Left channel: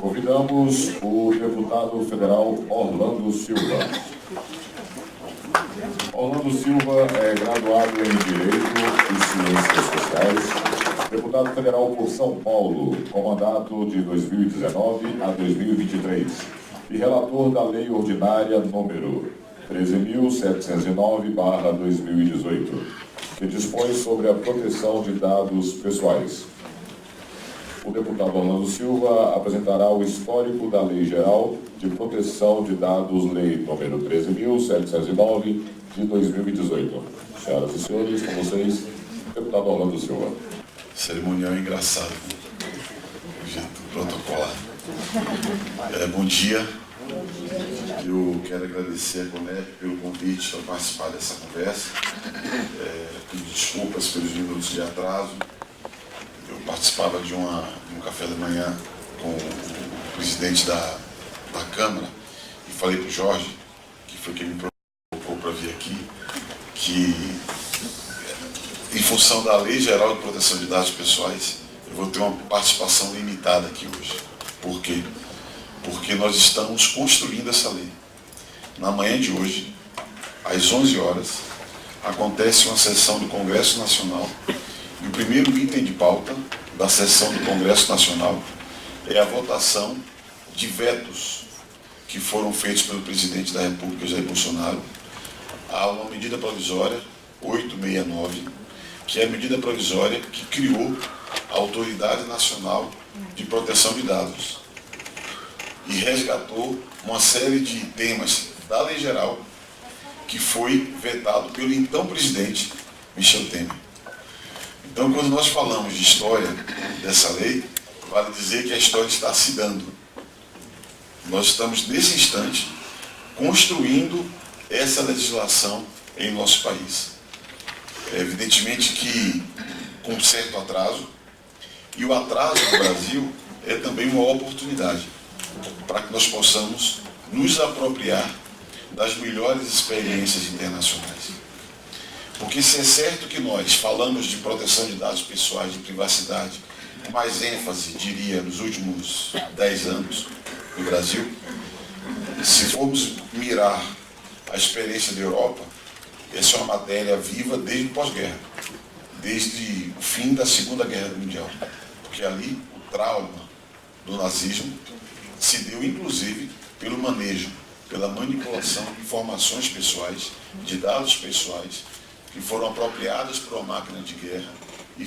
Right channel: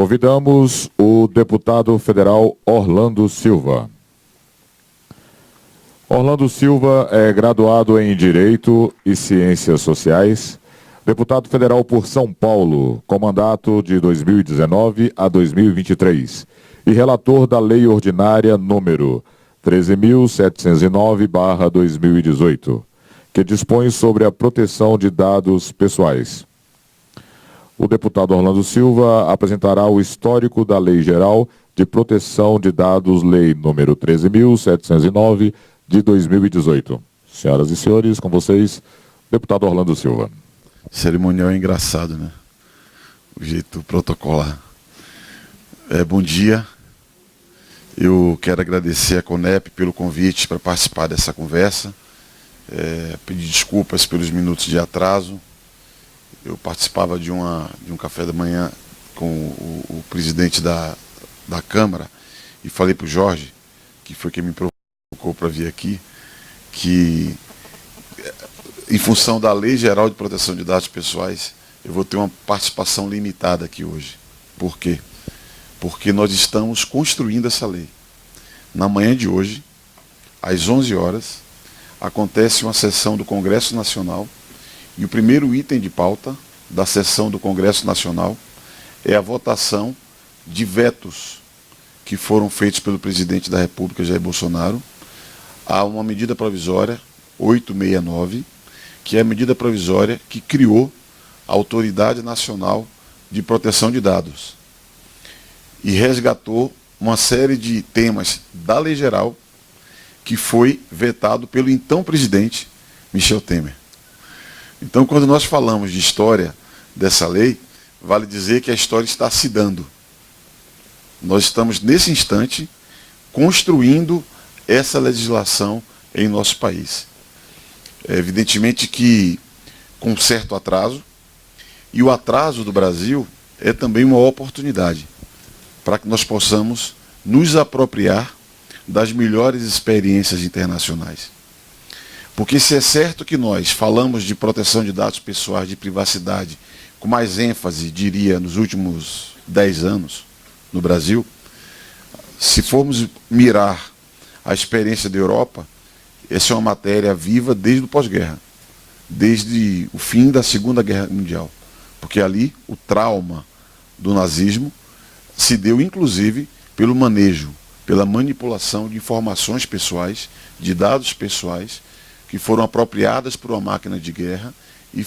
Convidamos o deputado federal Orlando Silva. Orlando Silva é graduado em Direito e Ciências Sociais, deputado federal por São Paulo, com mandato de 2019 a 2023, e relator da Lei Ordinária número 13.709/2018, que dispõe sobre a proteção de dados pessoais. O deputado Orlando Silva apresentará o histórico da Lei Geral de Proteção de Dados, Lei número 13.709 de 2018. Senhoras e senhores, com vocês, deputado Orlando Silva. O cerimonial é engraçado, né? O jeito protocolar. Bom dia. Eu quero agradecer à CONEP pelo convite para participar dessa conversa. Pedir desculpas pelos minutos de atraso. Eu participava de um café da manhã com o presidente da Câmara e falei para o Jorge, que foi quem me provocou para vir aqui, que em função da Lei Geral de Proteção de Dados Pessoais, eu vou ter uma participação limitada aqui hoje. Por quê? Porque nós estamos construindo essa lei. Na manhã de hoje, às 11 horas, acontece uma sessão do Congresso Nacional e o primeiro item de pauta da sessão do Congresso Nacional é a votação de vetos que foram feitos pelo presidente da República, Jair Bolsonaro, a uma medida provisória 869, que é a medida provisória que criou a Autoridade Nacional de Proteção de Dados e resgatou uma série de temas da Lei Geral que foi vetado pelo então presidente Michel Temer. Então, quando nós falamos de história dessa lei, vale dizer que a história está se dando. Nós estamos, nesse instante, construindo essa legislação em nosso país. Evidentemente que com certo atraso, e o atraso do Brasil é também uma oportunidade para que nós possamos nos apropriar das melhores experiências internacionais. Porque se é certo que nós falamos de proteção de dados pessoais, de privacidade, com mais ênfase, diria, nos últimos 10 anos no Brasil, se formos mirar a experiência da Europa, essa é uma matéria viva desde o pós-guerra, desde o fim da Segunda Guerra Mundial. Porque ali o trauma do nazismo se deu, inclusive, pelo manejo, pela manipulação de informações pessoais, de dados pessoais, que foram apropriadas por uma máquina de guerra e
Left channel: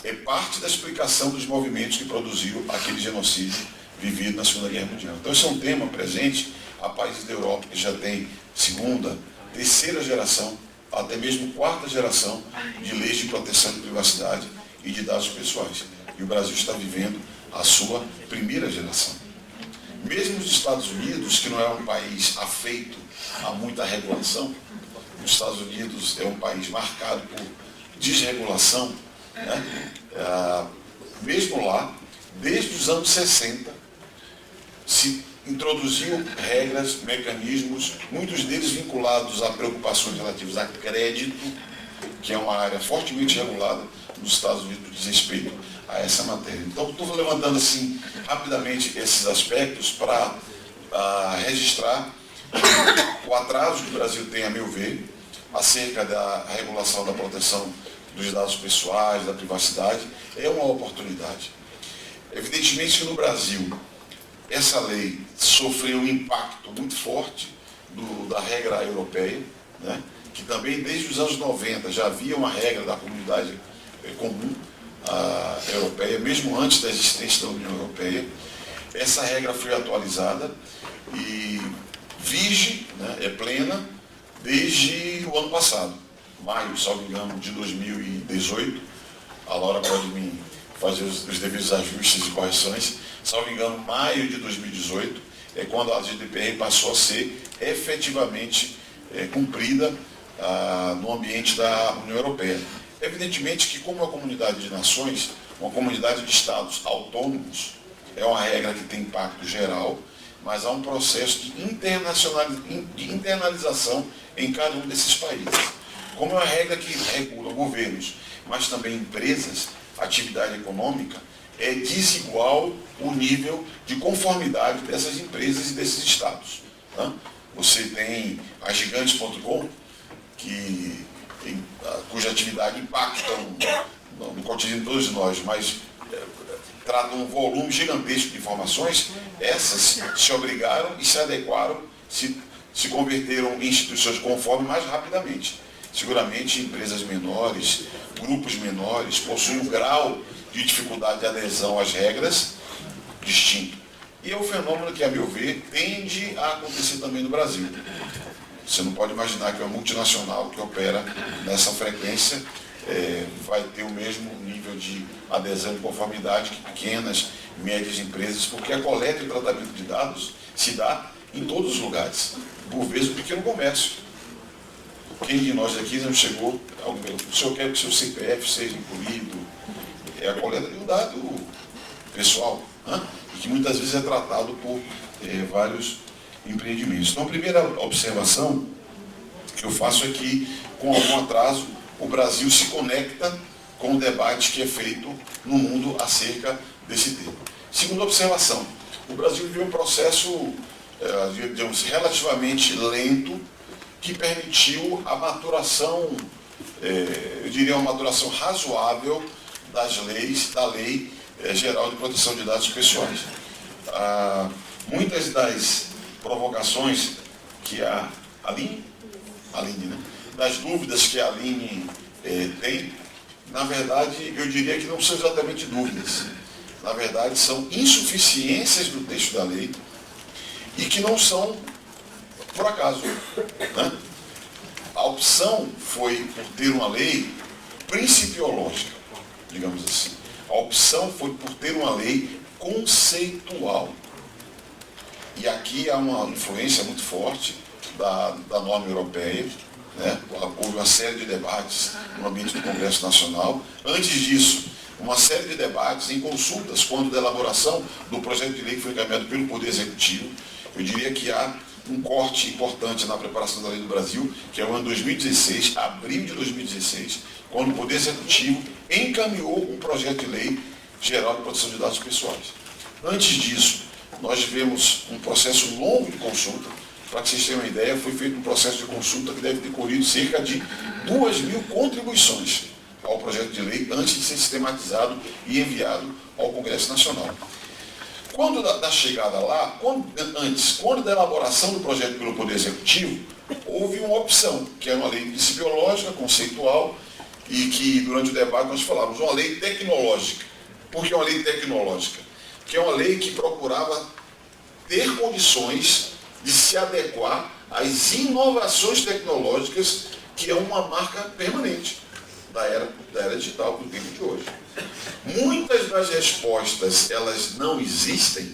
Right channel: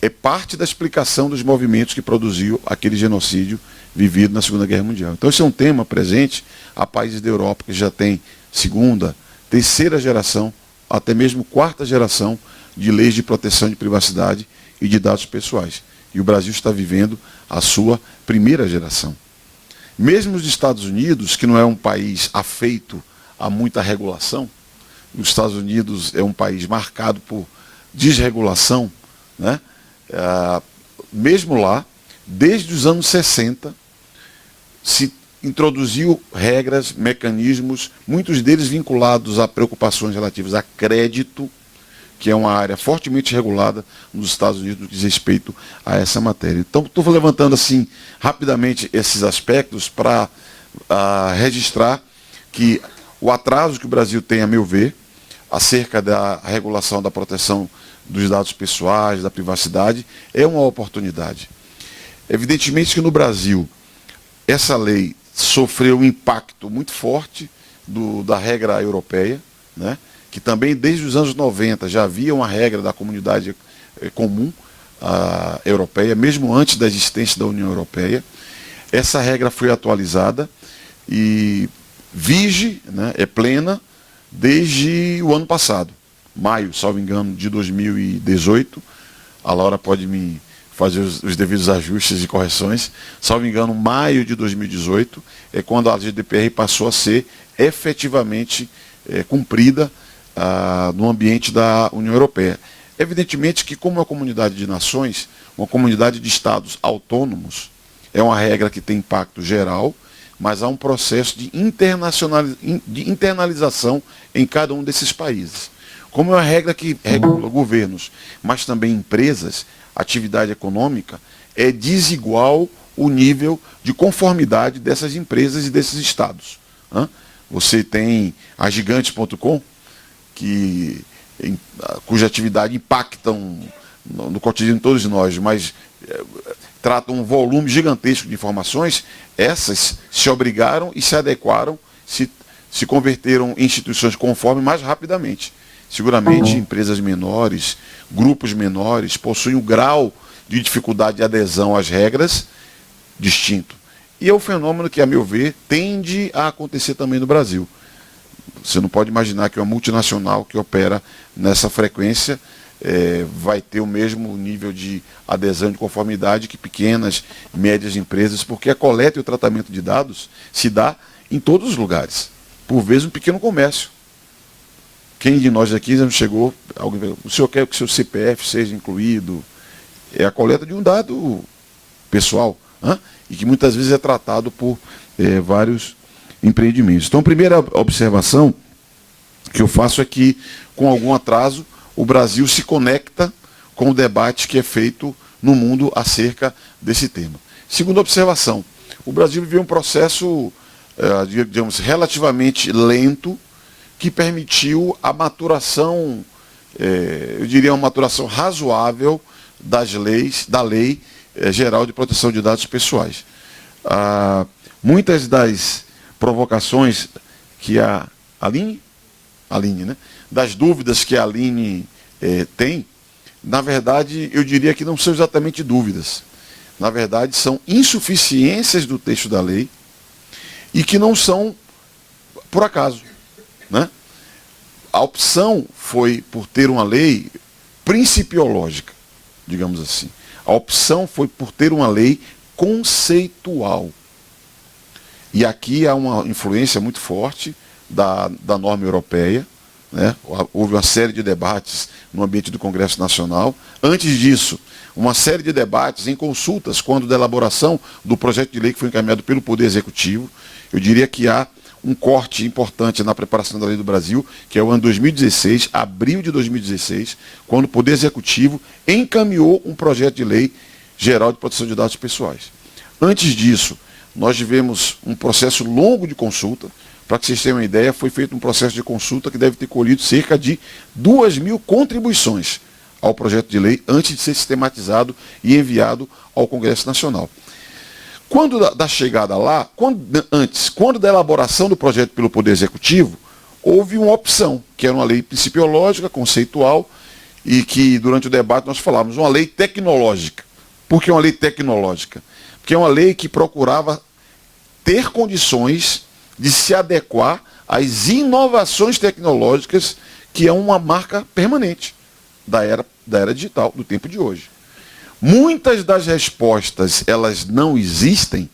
é parte da explicação dos movimentos que produziu aquele genocídio vivido na Segunda Guerra Mundial. Então esse é um tema presente a países da Europa que já tem segunda, terceira geração, até mesmo quarta geração de leis de proteção de privacidade e de dados pessoais. E o Brasil está vivendo a sua primeira geração. Mesmo nos Estados Unidos, que não é um país afeito a muita regulação, os Estados Unidos é um país marcado por desregulação, né? Mesmo lá, desde os anos 60, se introduziu regras, mecanismos, muitos deles vinculados a preocupações relativas a crédito, que é uma área fortemente regulada nos Estados Unidos no que diz respeito a essa matéria. Então, estou levantando assim rapidamente esses aspectos para registrar que o atraso que o Brasil tem, a meu ver, acerca da regulação da proteção dos dados pessoais, da privacidade, é uma oportunidade. Evidentemente que no Brasil, essa lei sofreu um impacto muito forte da regra europeia, né? Que também desde os anos 90 já havia uma regra da comunidade comum europeia, mesmo antes da existência da União Europeia. Essa regra foi atualizada e vige, né, é plena, desde o ano passado, maio, salvo engano, de 2018. A Laura pode me fazer os devidos ajustes e correções. Salvo engano, maio de 2018 é quando a GDPR passou a ser efetivamente cumprida no ambiente da União Europeia. Evidentemente que, como uma comunidade de nações, uma comunidade de estados autônomos, é uma regra que tem impacto geral, mas há um processo de internalização em cada um desses países. Como é uma regra que regula governos, mas também empresas, atividade econômica, é desigual o nível de conformidade dessas empresas e desses estados, né? Você tem a Gigantes.com, cuja atividade impacta no cotidiano de todos nós, mas trata um volume gigantesco de informações. Essas se obrigaram e se adequaram, se converteram em instituições conforme mais rapidamente. Seguramente empresas menores, grupos menores, possuem um grau de dificuldade de adesão às regras distinto. E é um fenômeno que, a meu ver, tende a acontecer também no Brasil. Você não pode imaginar que uma multinacional que opera nessa frequência vai ter o mesmo nível de adesão e de conformidade que pequenas, médias empresas, porque a coleta e o tratamento de dados se dá em todos os lugares. Por vezes, no pequeno comércio. Quem de nós aqui já não chegou, o senhor quer que o seu CPF seja incluído? É a coleta de um dado pessoal, né? E que muitas vezes é tratado por vários empreendimentos. Então, a primeira observação que eu faço é que, com algum atraso, o Brasil se conecta com o debate que é feito no mundo acerca desse tema. Segunda observação, o Brasil viveu um processo, digamos, relativamente lento, que permitiu a maturação, eu diria uma maturação razoável da Lei Geral de Proteção de Dados Pessoais. Muitas das provocações que a Aline, né? Das dúvidas que a Aline tem, na verdade, eu diria que não são exatamente dúvidas. Na verdade, são insuficiências do texto da lei e que não são por acaso, né? A opção foi por ter uma lei principiológica, digamos assim. A opção foi por ter uma lei conceitual. E aqui há uma influência muito forte da norma europeia, né? Houve uma série de debates no ambiente do Congresso Nacional. Antes disso, uma série de debates em consultas, quando da elaboração do projeto de lei que foi encaminhado pelo Poder Executivo. Eu diria que há um corte importante na preparação da lei do Brasil, que é o ano 2016, abril de 2016, quando o Poder Executivo encaminhou um projeto de lei geral de proteção de dados pessoais. Antes disso, nós tivemos um processo longo de consulta. Para que vocês tenham uma ideia, foi feito um processo de consulta que deve ter colhido cerca de 2.000 contribuições ao projeto de lei antes de ser sistematizado e enviado ao Congresso Nacional. Quando da chegada lá, quando da elaboração do projeto pelo Poder Executivo, houve uma opção, que era uma lei principiológica, conceitual, e que durante o debate nós falávamos, uma lei tecnológica. Por que uma lei tecnológica? Porque é uma lei que procurava ter condições de se adequar às inovações tecnológicas, que é uma marca permanente da era digital, do tempo de hoje. Muitas das respostas, elas não existem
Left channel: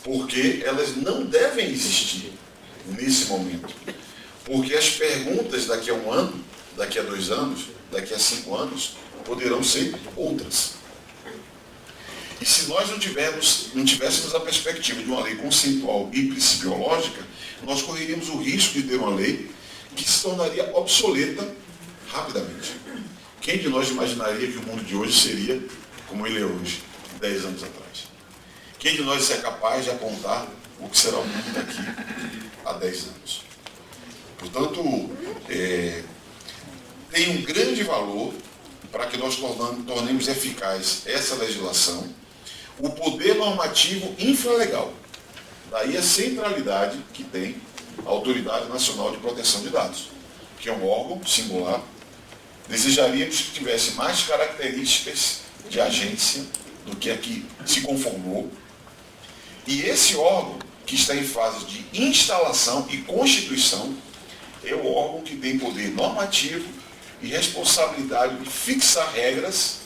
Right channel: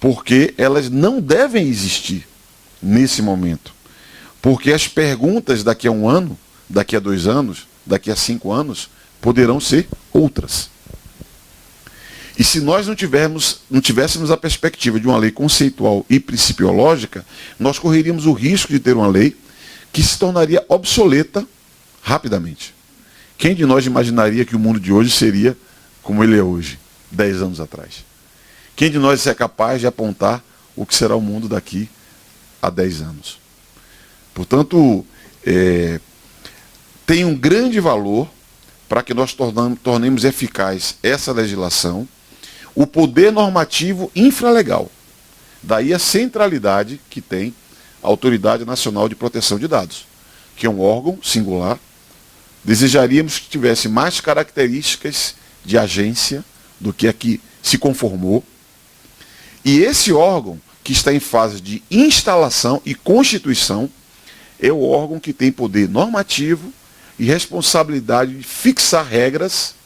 porque elas não devem existir nesse momento. Porque as perguntas daqui a 1 ano, daqui a 2 anos, daqui a 5 anos, poderão ser outras. E se nós não tivéssemos a perspectiva de uma lei conceitual e principiológica, nós correríamos o risco de ter uma lei que se tornaria obsoleta rapidamente. Quem de nós imaginaria que o mundo de hoje seria como ele é hoje, 10 anos atrás? Quem de nós é capaz de apontar o que será o mundo daqui a 10 anos? Portanto, tem um grande valor para que nós tornemos eficaz essa legislação, o poder normativo infralegal. Daí a centralidade que tem a Autoridade Nacional de Proteção de Dados, que é um órgão singular. Desejaríamos que tivesse mais características de agência do que a que se conformou. E esse órgão, que está em fase de instalação e constituição, é o órgão que tem poder normativo e responsabilidade de fixar regras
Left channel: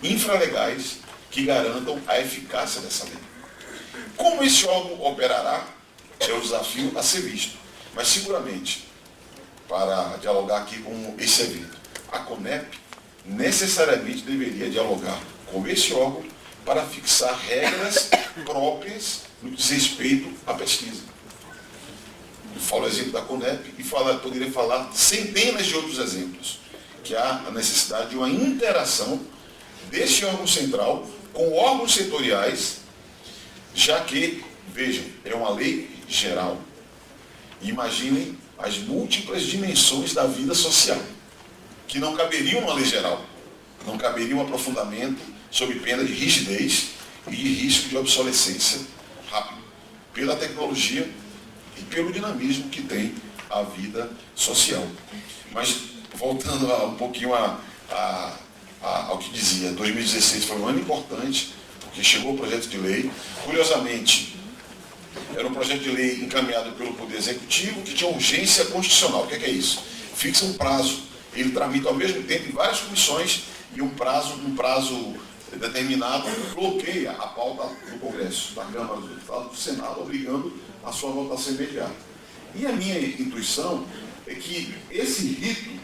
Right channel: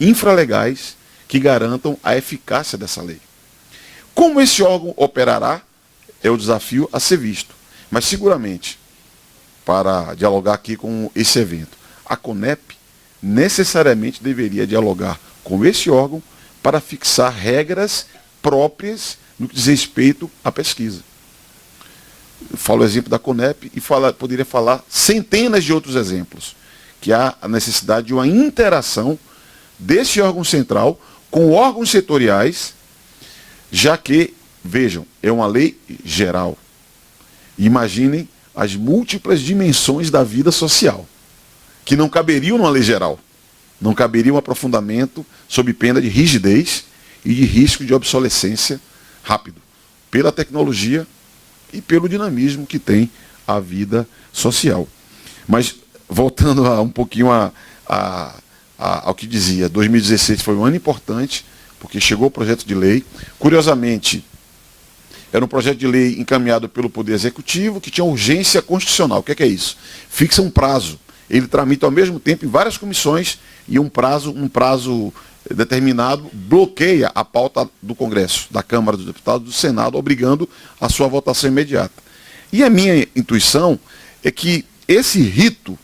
infralegais que garantam a eficácia dessa lei. Como esse órgão operará, é o desafio a ser visto. Mas seguramente, para dialogar aqui com esse evento, a CONEP necessariamente deveria dialogar com esse órgão para fixar regras próprias no que diz respeito à pesquisa. Eu falo o exemplo da CONEP e poderia falar centenas de outros exemplos, que há a necessidade de uma interação desse órgão central com órgãos setoriais já que, vejam, é uma lei geral. Imaginem as múltiplas dimensões da vida social, que não caberiam numa lei geral. Não caberia um aprofundamento sob pena de rigidez e de risco de obsolescência rápido, pela tecnologia e pelo dinamismo que tem a vida social. Mas, voltando um pouquinho ao que dizia, 2016 foi um ano importante, porque chegou o projeto de lei. Curiosamente, era um projeto de lei encaminhado pelo Poder Executivo, que tinha urgência constitucional. O que é isso? Fixa um prazo. Ele tramita ao mesmo tempo em várias comissões e um prazo determinado bloqueia a pauta do Congresso, da Câmara dos Deputados, do Senado, obrigando a sua votação imediata. E a minha intuição é que esse rito,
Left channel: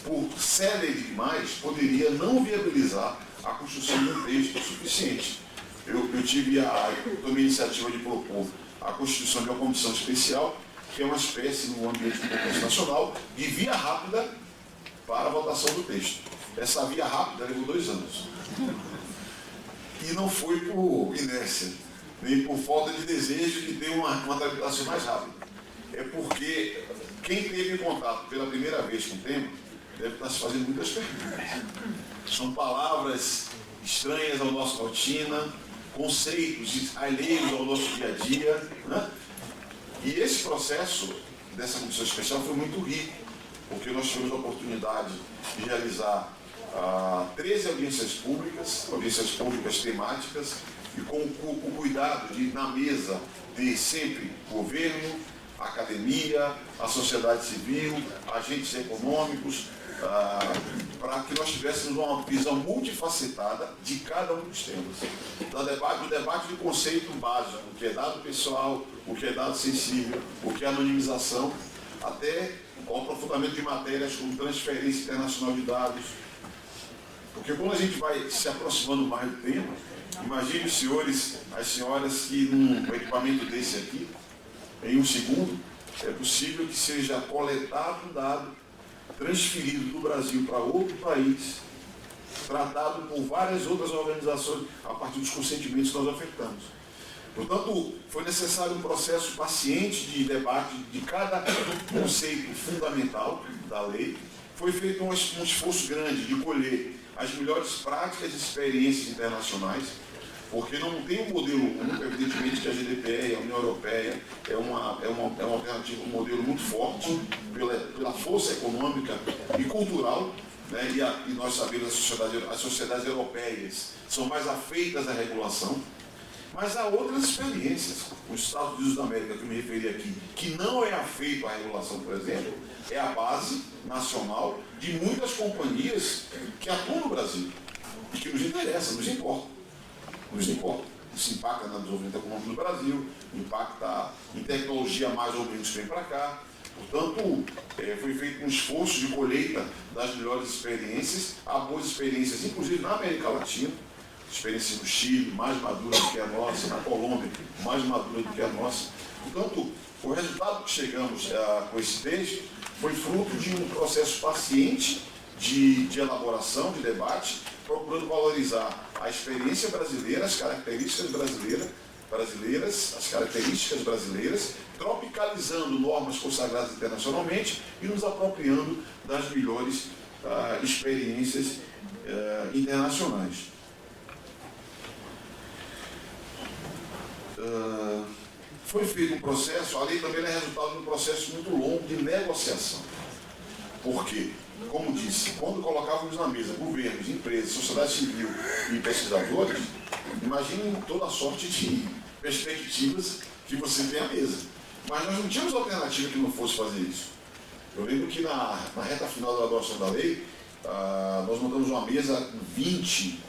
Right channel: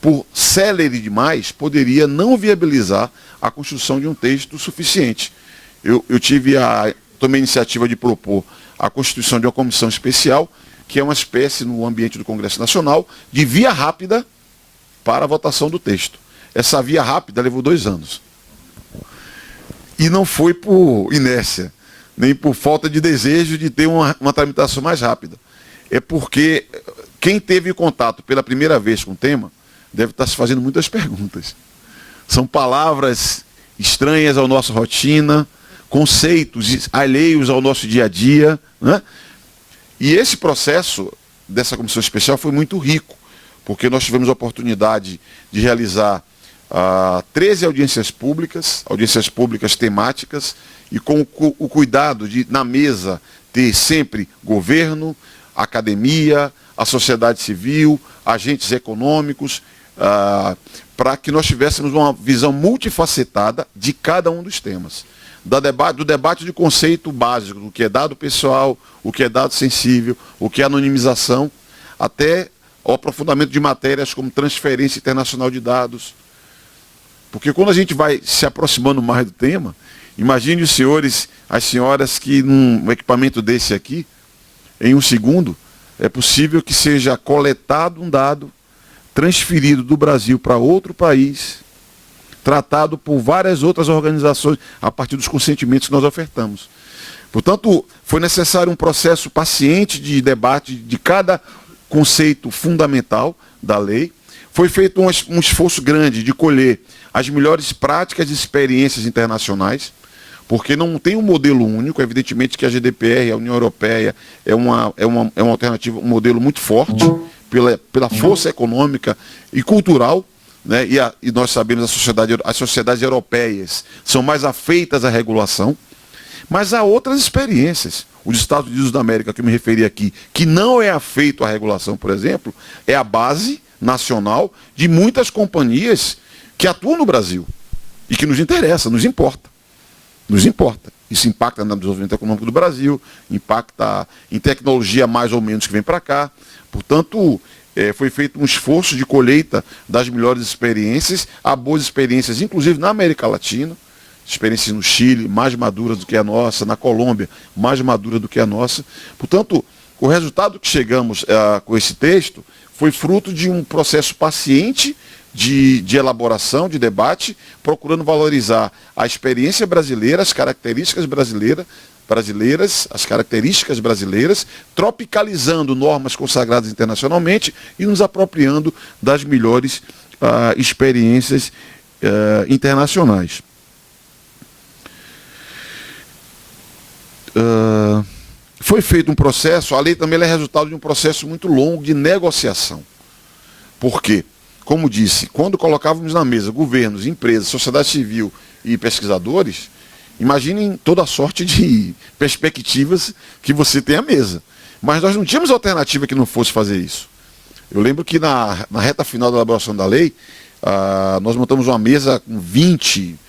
por célere demais, poderia não viabilizar a construção de um texto suficiente. Eu tomei a iniciativa de propor a constituição de uma comissão especial, que é uma espécie, no ambiente do Congresso Nacional, de via rápida para a votação do texto. Essa via rápida levou 2 anos. E não foi por inércia, nem por falta de desejo de ter uma tramitação mais rápida. É porque quem teve contato pela primeira vez com o tema deve estar se fazendo muitas perguntas. São palavras estranhas à nossa rotina, conceitos alheios ao nosso dia a dia, né? E esse processo dessa comissão especial foi muito rico, porque nós tivemos a oportunidade de realizar 13 audiências públicas temáticas, e com o cuidado de, na mesa, ter sempre governo, academia, a sociedade civil, agentes econômicos, para que nós tivéssemos uma visão multifacetada de cada um dos temas. Do debate de conceito básico, o que é dado pessoal, o que é dado sensível, o que é anonimização, até o aprofundamento de matérias como transferência internacional de dados. Porque quando a gente vai se aproximando mais do tema, imagine os senhores, as senhoras, que num equipamento desse aqui, em 1 segundo, é possível que seja coletado um dado, transferido do Brasil para outro país, tratado por várias outras organizações, a partir dos consentimentos que nós ofertamos. Portanto, foi necessário um processo paciente de debate de cada conceito fundamental da lei. Foi feito um esforço grande de colher as melhores práticas e experiências internacionais, porque não tem um modelo único. Evidentemente que a GDPR, a União Europeia, é uma alternativa, um modelo muito forte, pela força econômica e cultural, né? E nós sabemos as sociedades europeias são mais afeitas à regulação, mas há outras experiências. Os Estados Unidos da América, que eu me referi aqui, que não é afeito à regulação, por exemplo, é a base nacional de muitas companhias que atuam no Brasil e que nos interessa, nos importa. Nos importa. Isso impacta no desenvolvimento econômico do Brasil, impacta em tecnologia mais ou menos que vem para cá. Portanto, foi feito um esforço de colheita das melhores experiências, há boas experiências, inclusive na América Latina, experiências no Chile, mais madura do que a nossa, na Colômbia, mais madura do que a nossa. Portanto, o resultado que chegamos com esse texto foi fruto de um processo paciente de elaboração, de debate, procurando valorizar a experiência brasileira, as características brasileiras, tropicalizando normas consagradas internacionalmente e nos apropriando das melhores experiências internacionais. Foi feito um processo, a lei também é resultado de um processo muito longo de negociação. Por quê? Como disse, quando colocávamos na mesa governos, empresas, sociedade civil e pesquisadores, imaginem toda a sorte de perspectivas que você tem à mesa. Mas nós não tínhamos alternativa que não fosse fazer isso. Eu lembro que na reta final da elaboração da lei, nós montamos uma mesa com 20,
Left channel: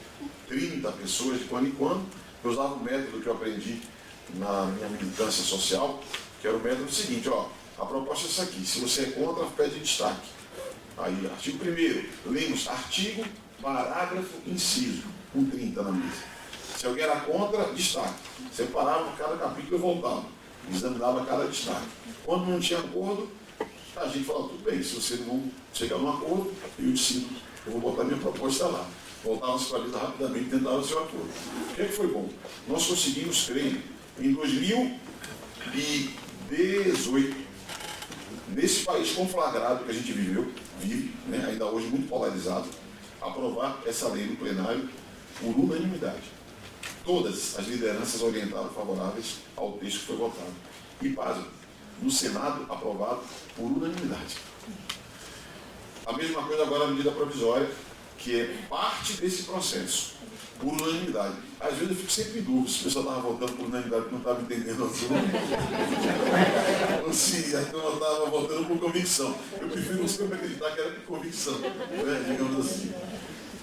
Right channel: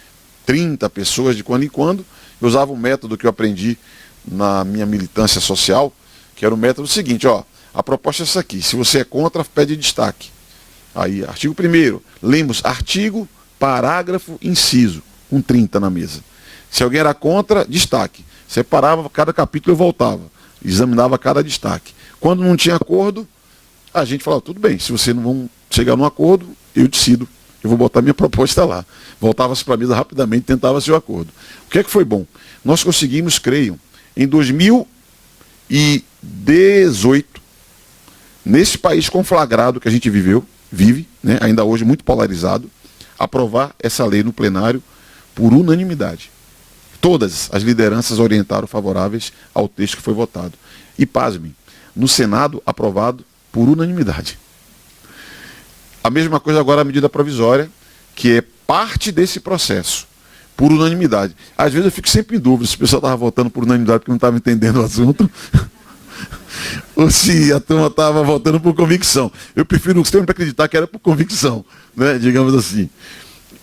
30 pessoas de quando em quando. Eu usava um método que eu aprendi na minha militância social, que era o método seguinte: a proposta é essa aqui, se você é contra, pede destaque. Aí, artigo 1º, lemos artigo, parágrafo, inciso, com 30 na mesa. Se alguém era contra, destaque. Separava cada capítulo e voltava. Examinava cada destaque. Quando não tinha acordo, a gente falava, tudo bem, se você não vão chegar num acordo, eu decido, eu vou botar minha proposta lá. Voltava-se para a mesa rapidamente, tentava-se o acordo. O que é que foi bom? nós conseguimos, creio, em 2018, nesse país conflagrado que a gente vive, né, ainda hoje muito polarizado, aprovar essa lei no plenário por unanimidade. Todas as lideranças orientaram favoráveis ao texto que foi votado. E, pasme, no Senado, aprovado por unanimidade. A mesma coisa agora a medida provisória, que é parte desse processo, por unanimidade. Às vezes eu fico sempre em dúvida se o pessoal estava votando por unanimidade porque não estava entendendo o assunto, ou se a turma estava votando por convicção. Eu prefiro sempre acreditar que era por convicção, né, digamos assim.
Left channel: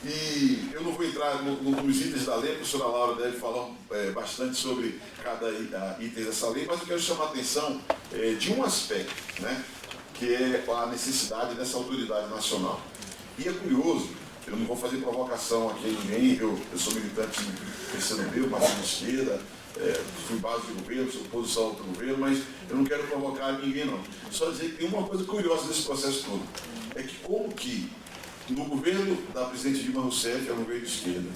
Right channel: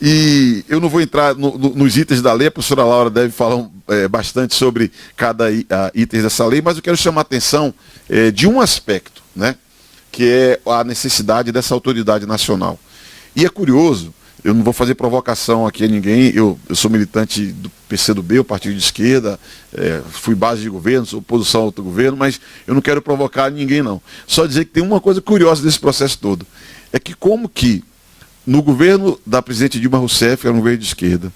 E eu não vou entrar nos itens da lei, a professora Laura deve falar bastante sobre cada item dessa lei, mas eu quero chamar a atenção de um aspecto, né, que é a necessidade dessa autoridade nacional. E é curioso, eu não vou fazer provocação aqui a ninguém, eu sou militante do PCdoB, o partido de esquerda, fui base de governo, sou oposição ao outro governo, mas eu não quero provocar ninguém, não. Só dizer que tem uma coisa curiosa desse processo todo, é que como que no governo da presidente Dilma Rousseff, era um governo de esquerda,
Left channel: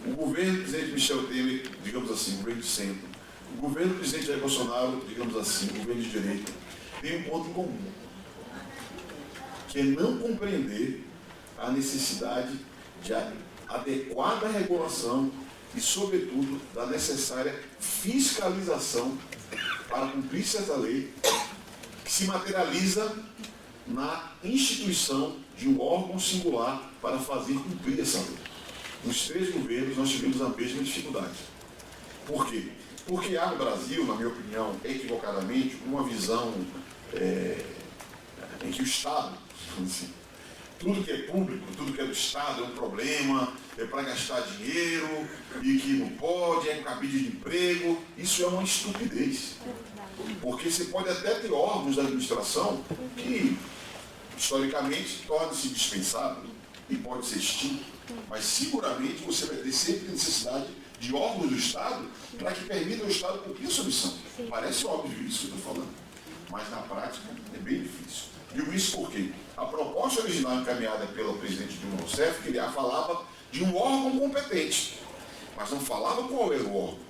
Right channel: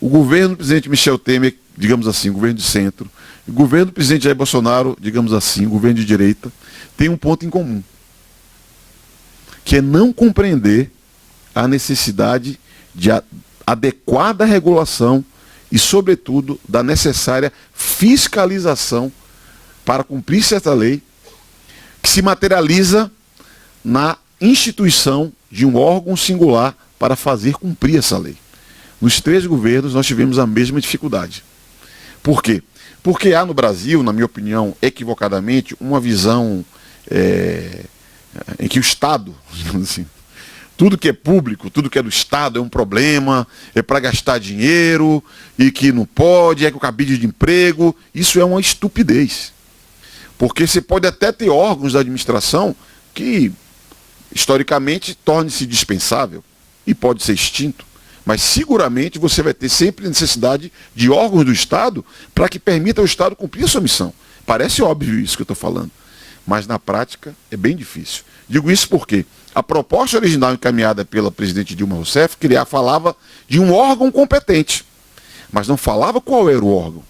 o governo do presidente Michel Temer, digamos assim, governo de centro, o governo do presidente Jair Bolsonaro, digamos assim, governo de direita, tem um ponto em comum, que é não compreender a necessidade de adequada regulação e, sobretudo, da necessária fiscalização para cumprir certa lei, que se materializa na instituição de um órgão singular para fazer cumprir essa lei. Nos 3 governos nós tivemos a mesma dificuldade. Por quê? Porque há no Brasil, na minha opinião, equivocadamente, uma visão em que o Estado, digamos assim, tudo que é público, tudo que é do Estado é um problema, é para gastar dinheiro, e que não pode, é com cabide de emprego. Isso é uma estupidez. Porque você pode até ter órgãos da administração que, historicamente, torne-se dispensável e pode ser extinto. Mas, seguramente, você vai ter sempre necessidade de órgãos do Estado para que permita ao Estado cumprir a sua missão. Parece óbvio isso que eu estou falando, mas, na prática, é bem difícil. Digo isso porque a proposta original encaminhada pela presidente Dilma Rousseff falava de um órgão competente, mas não falava qual era o órgão.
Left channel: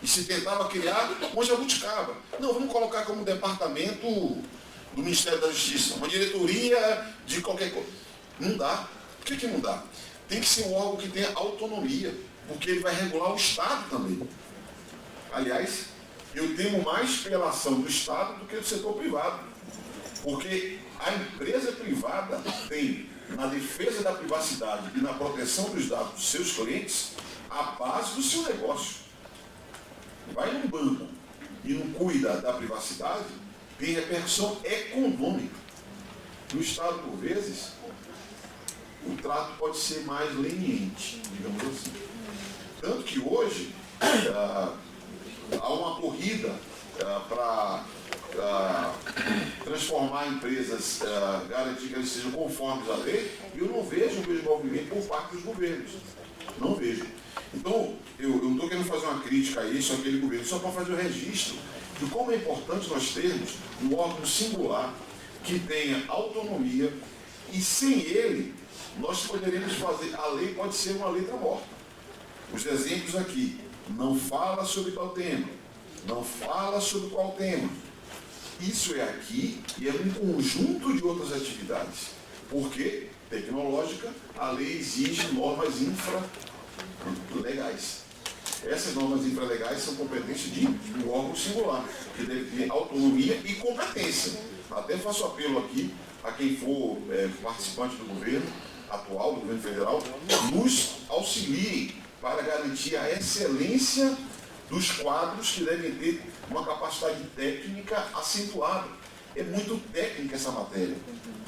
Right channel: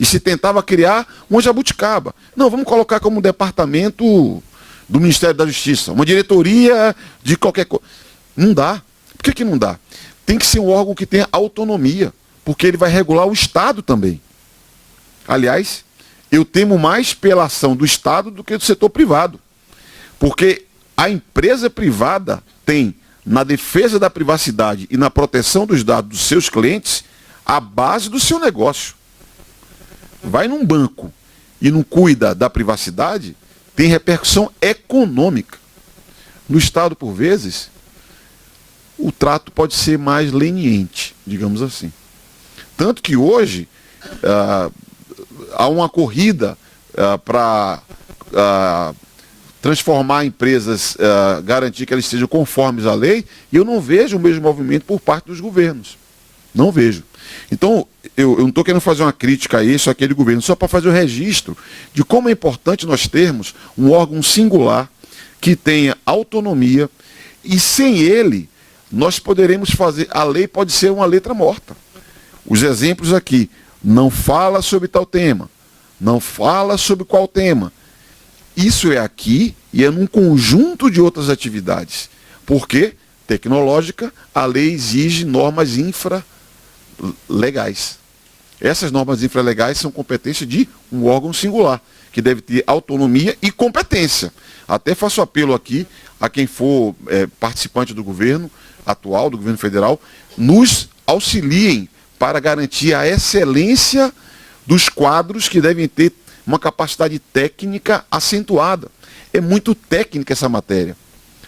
E se tentava criar uma jabuticaba. Não, vamos colocar como um departamento do Ministério da Justiça, uma diretoria de qualquer coisa. Não dá. Por que não dá? Tem que ser um órgão que tenha autonomia, porque ele vai regular o Estado também. Aliás, eu temo mais pela ação do Estado do que do setor privado. Porque a empresa privada tem, na defesa da privacidade e na proteção dos dados dos seus clientes, a base do seu negócio. Vai num banco e não cuida da privacidade, tem repercussão econômica. No Estado, por vezes, o trato pode ser mais leniente, digamos assim. Tanto que hoje há uma corrida para transformar empresas, garantir que elas sejam conformes à lei, e eu não vejo o mesmo movimento por parte dos governos. Não vejo. Então, eu não estou querendo fazer uma crítica a isso, àquele governo, só para fazer o registro de como é importante nós termos um órgão singular que tenha autonomia, e sem ele, nós poderemos fazer, a lei pode ser uma letra morta. Os exemplos aqui, não fala sobre tal tema, não fala sobre qual tema. Isso é aqui e é num conjunto de outras atividades. Porque, tecnológica, a lei exige normas infralegais. Essas normas infralegais são competência de um órgão singular, que deve ter autonomia e competência. Até faço apelo aqui a quem for participante do governo atual, do governo federal, nos auxiliem para garantir a excelência dos quadros que devem ter uma capacidade técnica acentuada. É muito técnica essa matéria.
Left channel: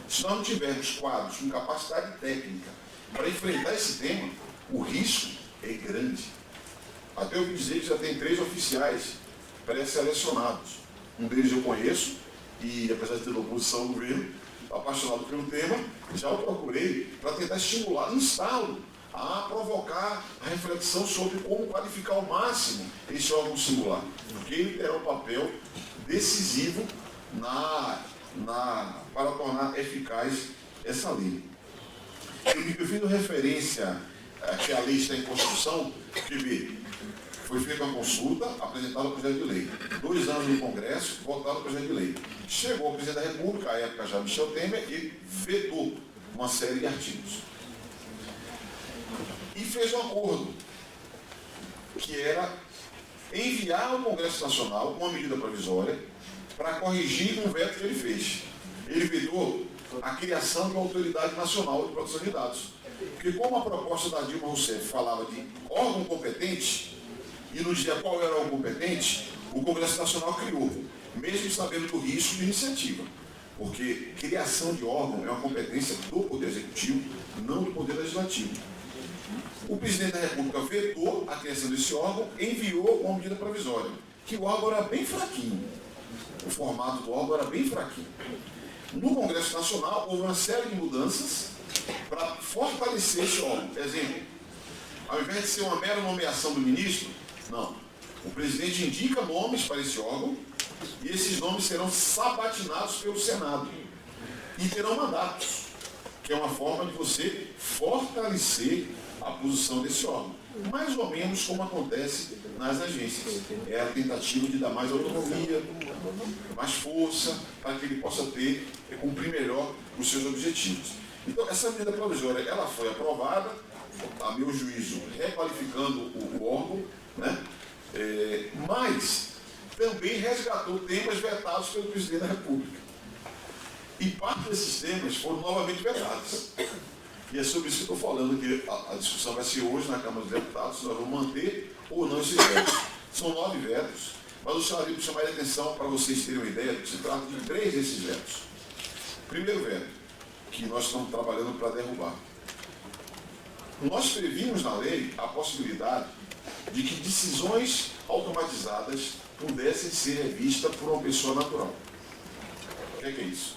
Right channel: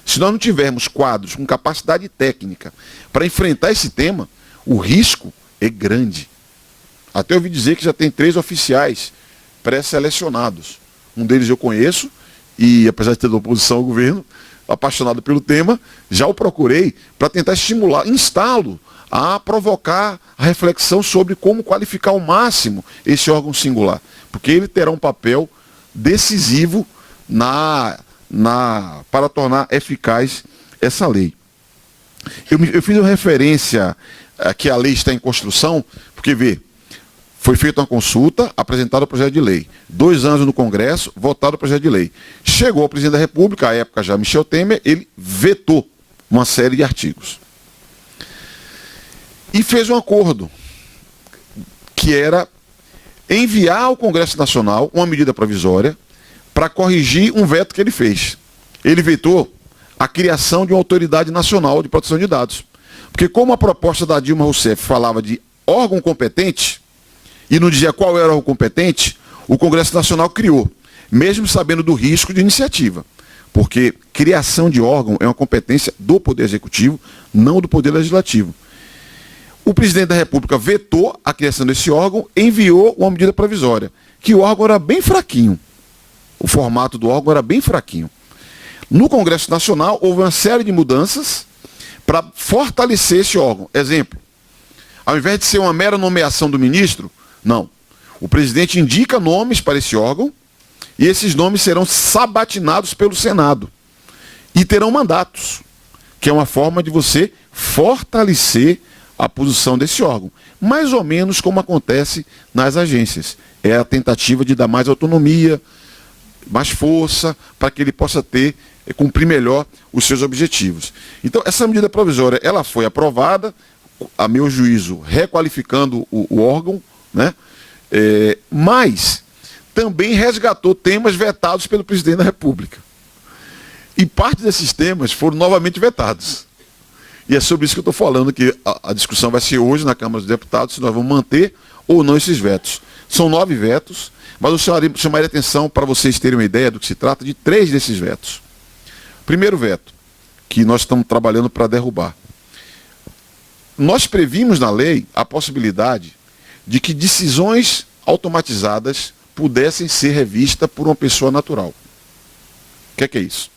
Se nós não tivermos quadros com capacidade técnica para enfrentar esse tema, o risco é grande. Até ouvi dizer que já tem 3 oficiais pré-selecionados. Um deles eu conheço, e apesar de ter da oposição ao governo, apaixonado pelo tema, já o procurei para tentar estimular, instá-lo a provocar a reflexão sobre como qualificar ao máximo esse órgão singular. Porque ele terá um papel decisivo para tornar eficaz essa lei. Eu fiz uma referência a que a lei está em construção, porque, vê, Foi feita uma consulta, apresentado o projeto de lei. 2 anos no Congresso, votado o projeto de lei. Chegou ao presidente da República, à época já Michel Temer, ele vetou uma série de artigos. E fez um acordo, que era enviar ao Congresso Nacional uma medida provisória para corrigir um veto que ele fez. Ele vetou a criação de uma autoridade nacional de proteção de dados. Porque como a proposta da Dilma Rousseff falava de órgão competente, e não dizia qual era o competente, o Congresso Nacional criou, mesmo sabendo do risco de iniciativa. Porque criação de órgão é uma competência do Poder Executivo, não do Poder Legislativo. O presidente da República vetou a criação desse órgão, enviou uma medida provisória, que o órgão era bem fraquinho. O formato do órgão era bem fraquinho. No Congresso Nacional, houve uma série de mudanças para fortalecer esse órgão. Exemplo, ao invés de ser uma mera nomeação do ministro, não. O presidente indica nomes para esse órgão e esses nomes serão sabatinados pelo Senado. E terão mandatos, que é uma forma de você fortalecer a posição desse órgão. Mais ou menos como acontece nas agências. É a tentativa de dar mais autonomia, mais força, para que ele possa cumprir melhor os seus objetivos. Então, essa medida provisória, ela foi aprovada, a meu juízo, requalificando o órgão, né? Mas também resgatou temas vetados pelo presidente da República. E parte desses temas foram novamente vetados. E é sobre isso que eu estou falando, que a discussão vai ser hoje na Câmara dos Deputados, se nós vamos manter ou não esses vetos. São 9 vetos, mas eu chamaria atenção, para vocês terem uma ideia do que se trata, de 3 desses vetos. Primeiro veto, que nós estamos trabalhando para derrubar. Nós previmos na lei a possibilidade de que decisões automatizadas pudessem ser revistas por uma pessoa natural. O que é isso?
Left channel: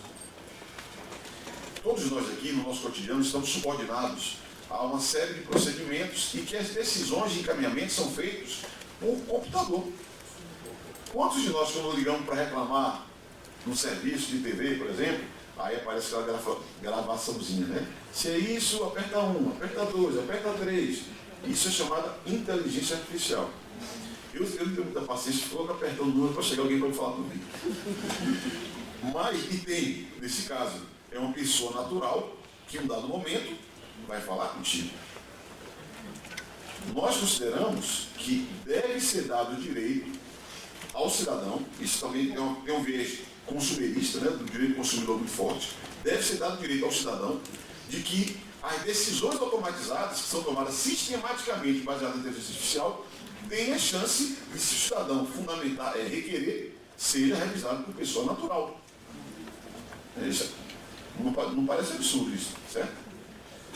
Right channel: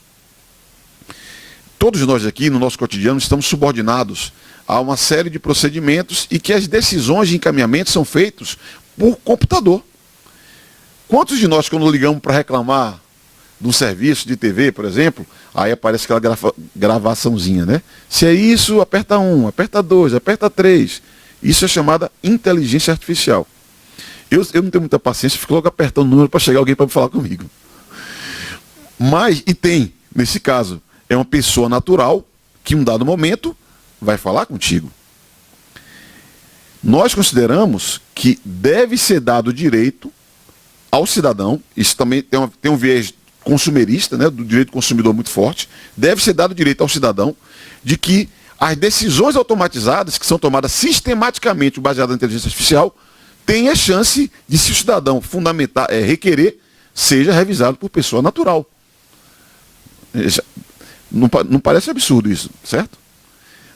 Todos nós aqui, no nosso cotidiano, estamos subordinados a uma série de procedimentos e que as decisões de encaminhamento são feitas por computador. Quantos de nós, quando ligamos para reclamar de um serviço de TV, por exemplo, aí aparece aquela gravaçãozinha, né? Se é isso, aperta 1, aperta 2, aperta 3. Isso é chamada inteligência artificial. Eu não tenho muita paciência, fico logo apertando o número para chegar alguém para falar comigo. Mas, e tem, nesse caso, é uma pessoa natural que, em um dado momento, vai falar contigo. Nós consideramos que deve ser dado direito ao cidadão, isso também tem um viés consumerista, né, do direito do consumidor muito forte, deve ser dado direito ao cidadão de que as decisões automatizadas, que são tomadas sistematicamente baseadas na inteligência artificial, tenha chance de, se o cidadão requerer, seja revisado por pessoa natural. Não parece absurdo isso, certo?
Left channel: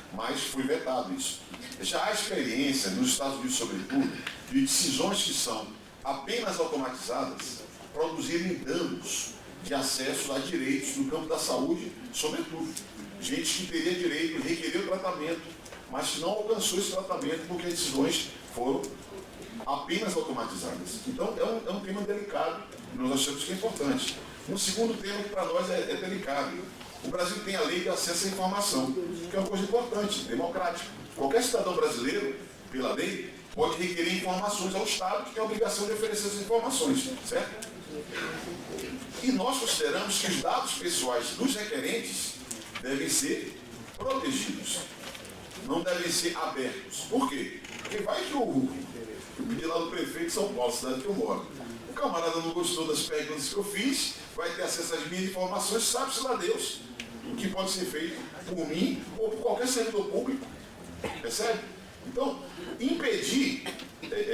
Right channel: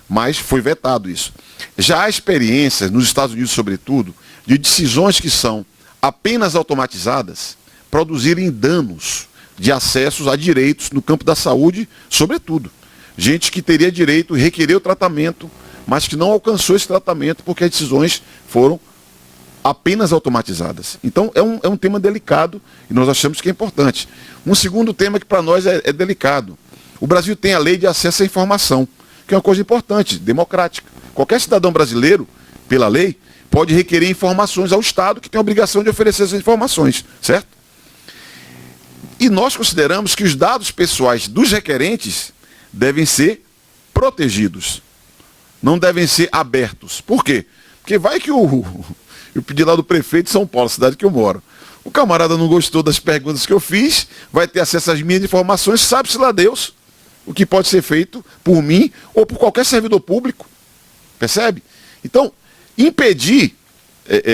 Mas foi vetado isso. Já há experiências, nos Estados Unidos sobretudo, de decisões que são apenas automatizadas produzirem danos de acessos a direitos no campo da saúde, sobretudo. Gente que teria direito e requerer o tratamento, mas que não alcançou esse tratamento porque as decisões foram apenas automatizadas. Então, é um tema delicado e nós achamos que é importante. Um segundo tema que para nós é delicado. O Brasil tem a lei de acesso à informação, que é uma coisa importante, democrática. Qualquer cidadão brasileiro, pela lei, pode requerer informações ao Estado, que tem a obrigação de oferecer essas informações, certo? E nós consideramos que os dados pessoais dos requerentes devem ser protegidos, não devem ser abertos. Por quê? Porque vai que eu pedi lá do prefeito de São Paulo, cidade que eu moro. O camarada não gostou das perguntas que eu fiz, vai ter acesso às minhas informações, sabe-se lá Deus o que pode ser feito por mim ou por qualquer servidor público. Percebe? Então, impedir,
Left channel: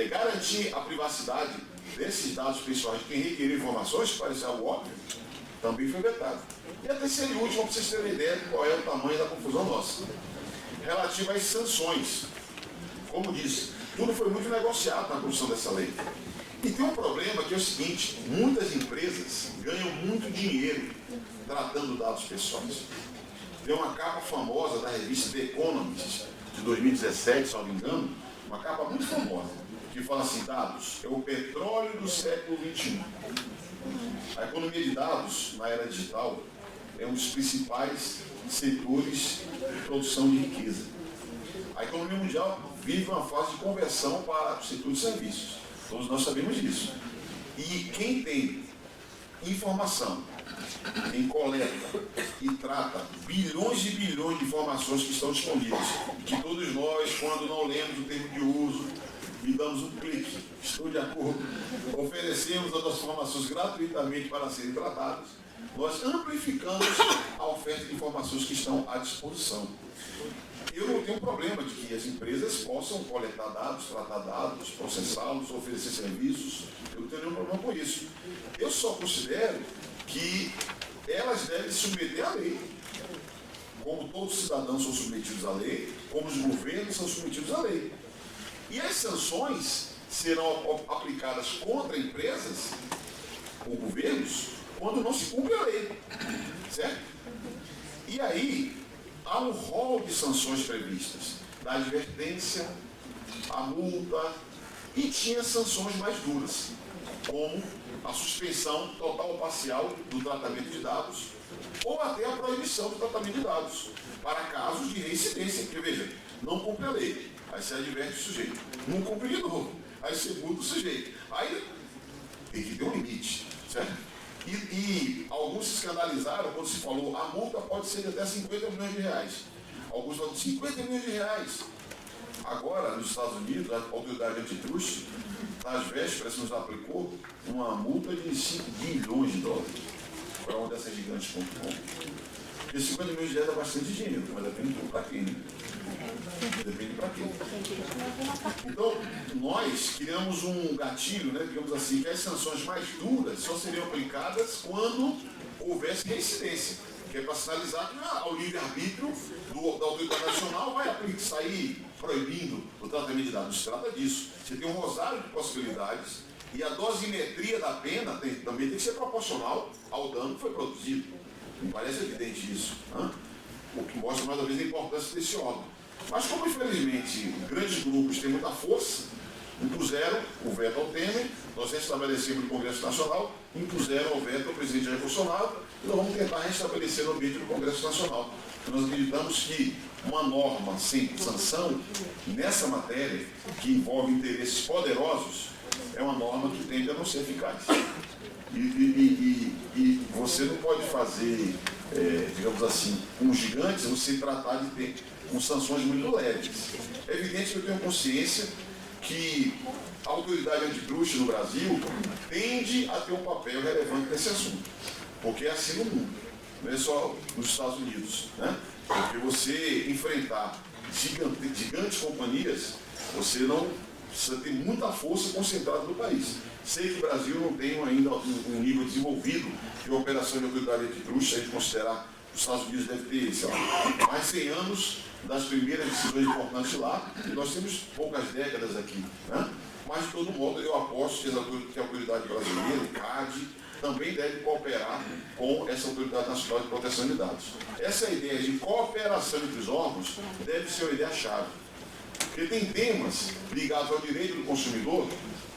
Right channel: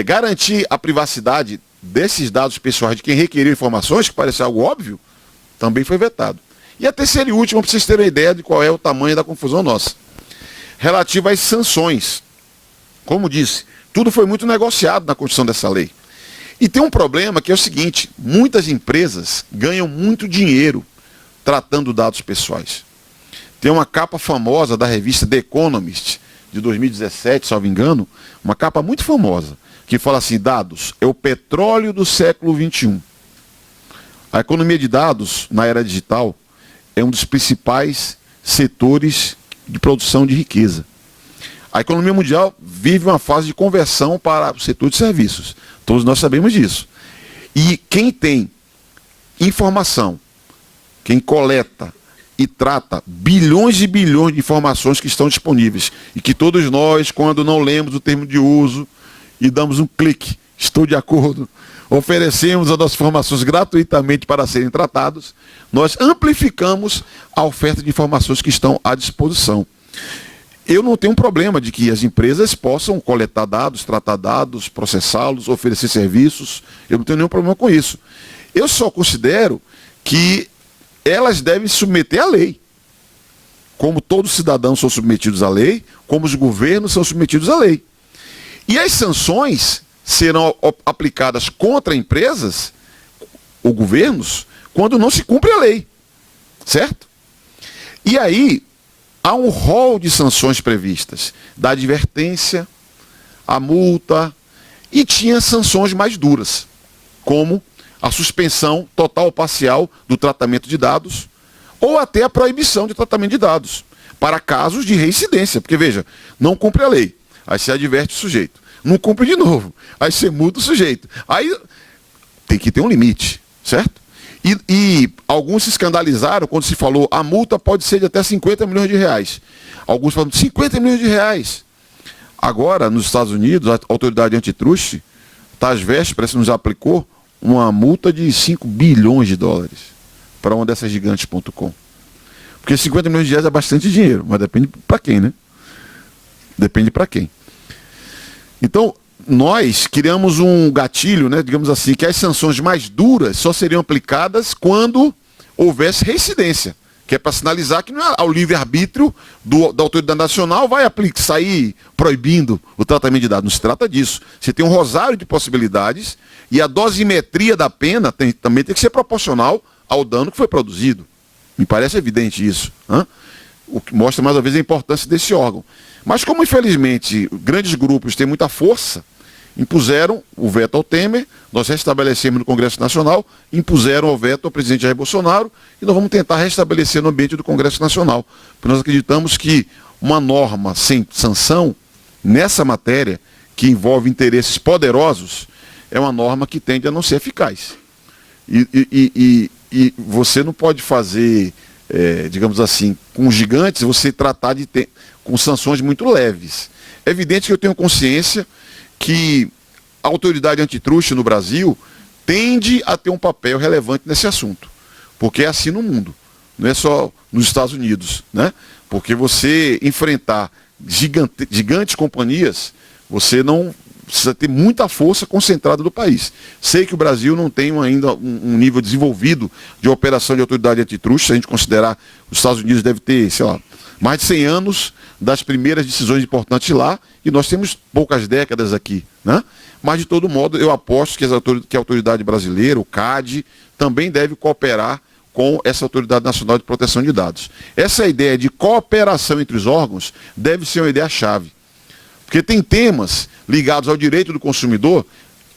garantir a privacidade desses dados pessoais de quem requeriu informações, que parece algo óbvio, também foi vetado. E a terceira e última, para vocês terem uma ideia de qual é o tamanho da confusão nossa. Relativa às sanções. Como disse, tudo foi muito negociado na construção dessa lei. E tem um problema que é o seguinte, muitas empresas ganham muito dinheiro tratando dados pessoais. Tem uma capa famosa da revista The Economist, de 2017, salvo engano, uma capa muito famosa, que fala assim, dados é o petróleo do século XXI. A economia de dados, na era digital, é um dos principais setores de produção de riqueza. A economia mundial vive uma fase de conversão para o setor de serviços. Todos nós sabemos disso. E quem tem informação, quem coleta e trata bilhões e bilhões de informações que estão disponíveis e que todos nós, quando não lemos o termo de uso e damos um clique, estou de acordo, oferecemos as nossas informações gratuitamente para serem tratados, nós amplificamos a oferta de informações que estão à disposição. Eu não tenho um problema de que as empresas possam coletar dados, tratar dados, processá-los, oferecer serviços. Eu não tenho nenhum problema com isso. Eu só considero que elas devem se submeter à lei. Como todos os cidadãos são submetidos à lei, como os governos são submetidos à lei. E as sanções serão aplicadas contra empresas ou governos quando não se cumpre a lei. Certo? E aí, há um rol de sanções previstas, da advertência, a multa, e tinha sanções mais duras, como a suspensão total ou parcial do tratamento de dados, ou até a proibição de tratamento de dados, para casos de reincidência. Porque, veja, não cumpre a lei, aí você adverte o sujeito. Não cumpre de novo, aí você multa o sujeito. Aí tem que ter um limite, certo? E alguns se escandalizaram quando se falou a multa pode ser de até 50 milhões de reais. Alguns falam 50 milhões de reais. Agora, nos Estados Unidos, a autoridade antitruste, tá às vésperas, nos aplicou uma multa de 5 bilhões de dólares para uma dessas gigantes.com. Porque 50 milhões de reais é bastante dinheiro, mas depende para quem, né? Depende para quem. Então, nós criamos um gatilho, né, digamos assim, que as sanções mais duras só seriam aplicadas quando houvesse reincidência, que é para sinalizar que não é ao livre-arbítrio da autoridade nacional vai sair proibindo o tratamento de dados. Não se trata disso. Você tem um rosário de possibilidades e a dosimetria da pena também tem que ser proporcional ao dano que foi produzido. Me parece evidente isso. O que mostra mais uma vez a importância desse órgão. Mas como, infelizmente, grandes grupos têm muita força, impuseram o veto ao Temer, nós restabelecemos no Congresso Nacional, impuseram o veto ao presidente Jair Bolsonaro, e nós vamos tentar restabelecer no ambiente do Congresso Nacional. Porque nós acreditamos que uma norma sem sanção, nessa matéria, que envolve interesses poderosos, é uma norma que tende a não ser eficaz. E você não pode fazer, digamos assim, com gigantes, você tratar com sanções muito leves. É evidente que eu tenho consciência que a autoridade antitruste no Brasil tende a ter um papel relevante nesse assunto. Porque é assim no mundo, não é só nos Estados Unidos, né? Porque você enfrentar gigantes companhias, você não precisa ter muita força concentrada do país. Sei que o Brasil não tem ainda um nível desenvolvido de operação de autoridade antitruste, se a gente considerar os Estados Unidos deve ter, sei lá, mais de 100 anos das primeiras decisões importantes lá, e nós temos poucas décadas aqui, né? Mas, de todo modo, eu aposto que a autoridade brasileira, o CAD, também deve cooperar com essa Autoridade Nacional de Proteção de Dados. Essa ideia de cooperação entre os órgãos deve ser uma ideia-chave. Porque tem temas ligados ao direito do consumidor,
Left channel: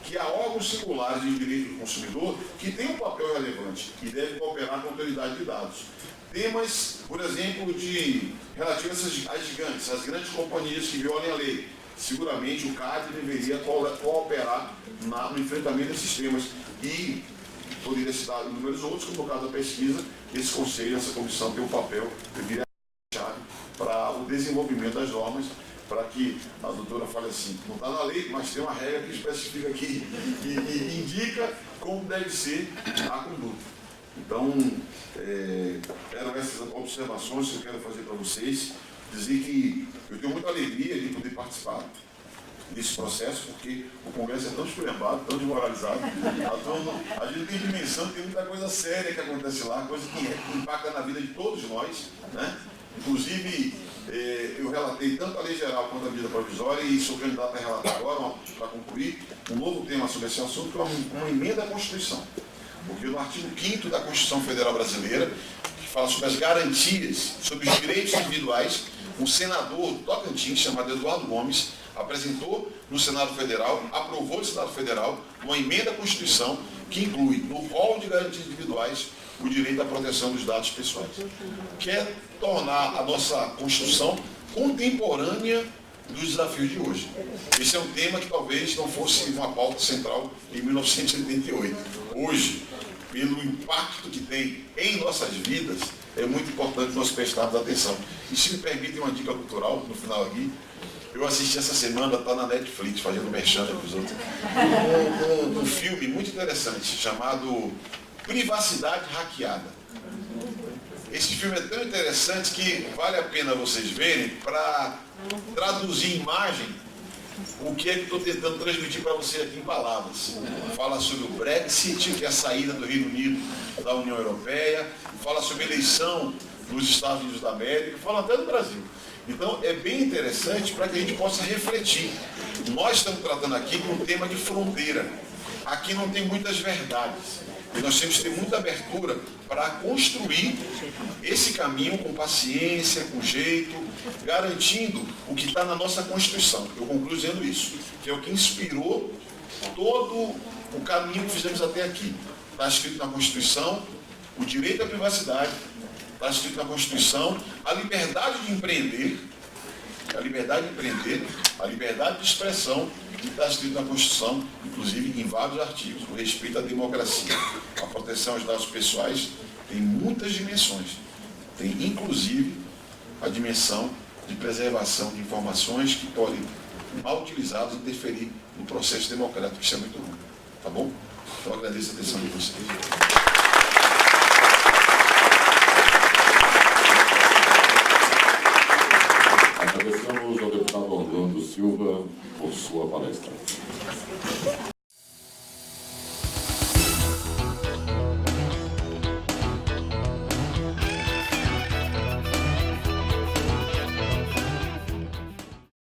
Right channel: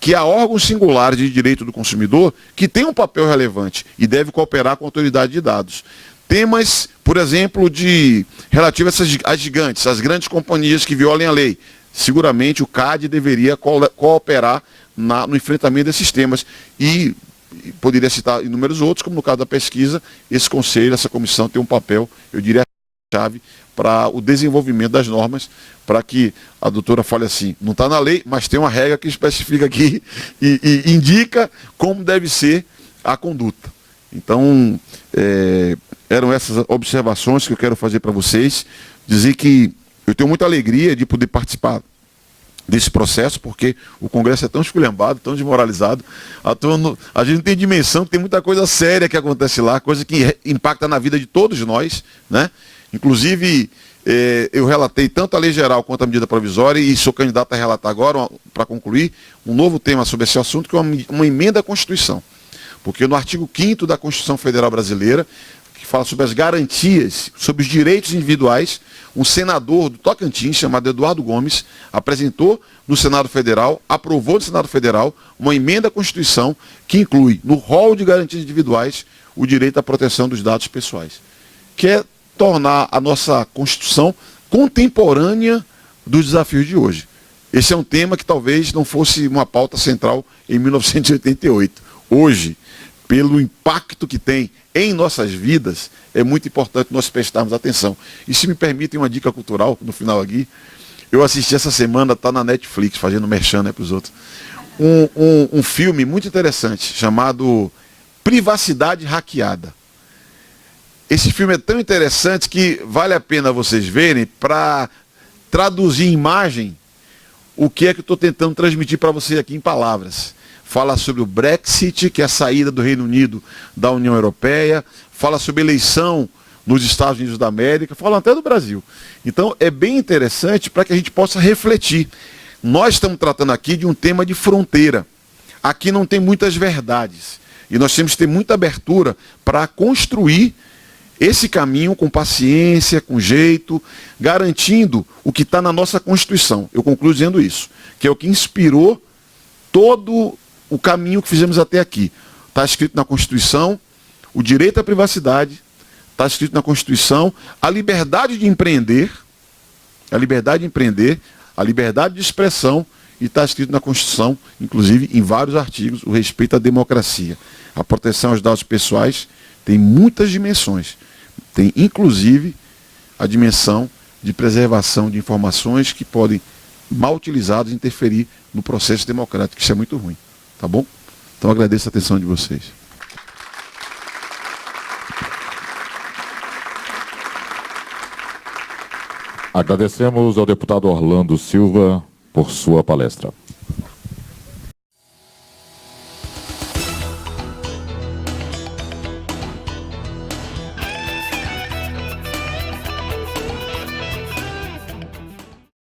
que há órgãos singulares de direito do consumidor que têm um papel relevante e deve cooperar com a autoridade de dados. Temas, por exemplo, relativos às gigantes, às grandes companhias que violem a lei. Seguramente o CAD deveria cooperar no enfrentamento desses temas. E poderia citar inúmeros outros, como no caso da pesquisa, esse conselho, essa comissão tem um papel, eu diria, chave para o desenvolvimento das normas, para que a doutora fale assim, não está na lei, mas tem uma regra que especifica aqui e indica como deve ser a conduta. Então, eram essas observações que eu quero fazer para vocês, dizer que eu tenho muita alegria de poder participar desse processo, porque o Congresso é tão esculhambado, tão desmoralizado, a gente não tem dimensão que tem muita coisa séria que acontece lá, coisa que impacta na vida de todos nós, né? Inclusive, eu relatei tanto a lei geral quanto a medida provisória, e sou candidato a relatar agora, para concluir, um novo tema sobre esse assunto, que é uma emenda à Constituição. Porque no artigo 5º da Constituição Federal Brasileira, que fala sobre as garantias, sobre os direitos individuais, um senador do Tocantins, chamado Eduardo Gomes, apresentou no Senado Federal, aprovou no Senado Federal, uma emenda à Constituição que inclui, no rol de garantias individuais, o direito à proteção dos dados pessoais. Que é tornar a nossa Constituição contemporânea dos desafios de hoje. Esse é um tema que talvez não fosse uma pauta central em 1988. Hoje, pelo impacto que tem em nossas vidas, é muito importante nós prestarmos atenção. E se me permitem uma dica cultural, no final aqui, eu assisti essa semana, está na Netflix, fazendo merchan, né, para os outros, um filme muito interessante, chamado Privacidade Hackeada. Esse filme é tão interessante que vale a pena vocês verem para traduzir em imagem o que é que eu estou tentando transmitir para vocês aqui em palavras. Fala sobre o Brexit, que é a saída do Reino Unido da União Europeia, fala sobre eleição nos Estados Unidos da América, fala até do Brasil. Então é bem interessante para que a gente possa refletir. Nós estamos tratando aqui de um tema de fronteira. Aqui não tem muitas verdades. E nós temos que ter muita abertura para construir esse caminho com paciência, com jeito, garantindo o que está na nossa Constituição. Eu concluo dizendo isso, que é o que inspirou todo o caminho que fizemos até aqui. Está escrito na Constituição o direito à privacidade, está escrito na Constituição a liberdade de empreender, a liberdade de expressão, e está escrito na Constituição, inclusive em vários artigos, o respeito à democracia. A proteção aos dados pessoais tem muitas dimensões. Tem, inclusive, a dimensão de preservação de informações que podem, mal utilizadas, interferir no processo democrático. Isso é muito ruim. Tá bom? Então, agradeço a atenção de vocês. Agradecemos ao deputado Orlando Silva por sua palestra.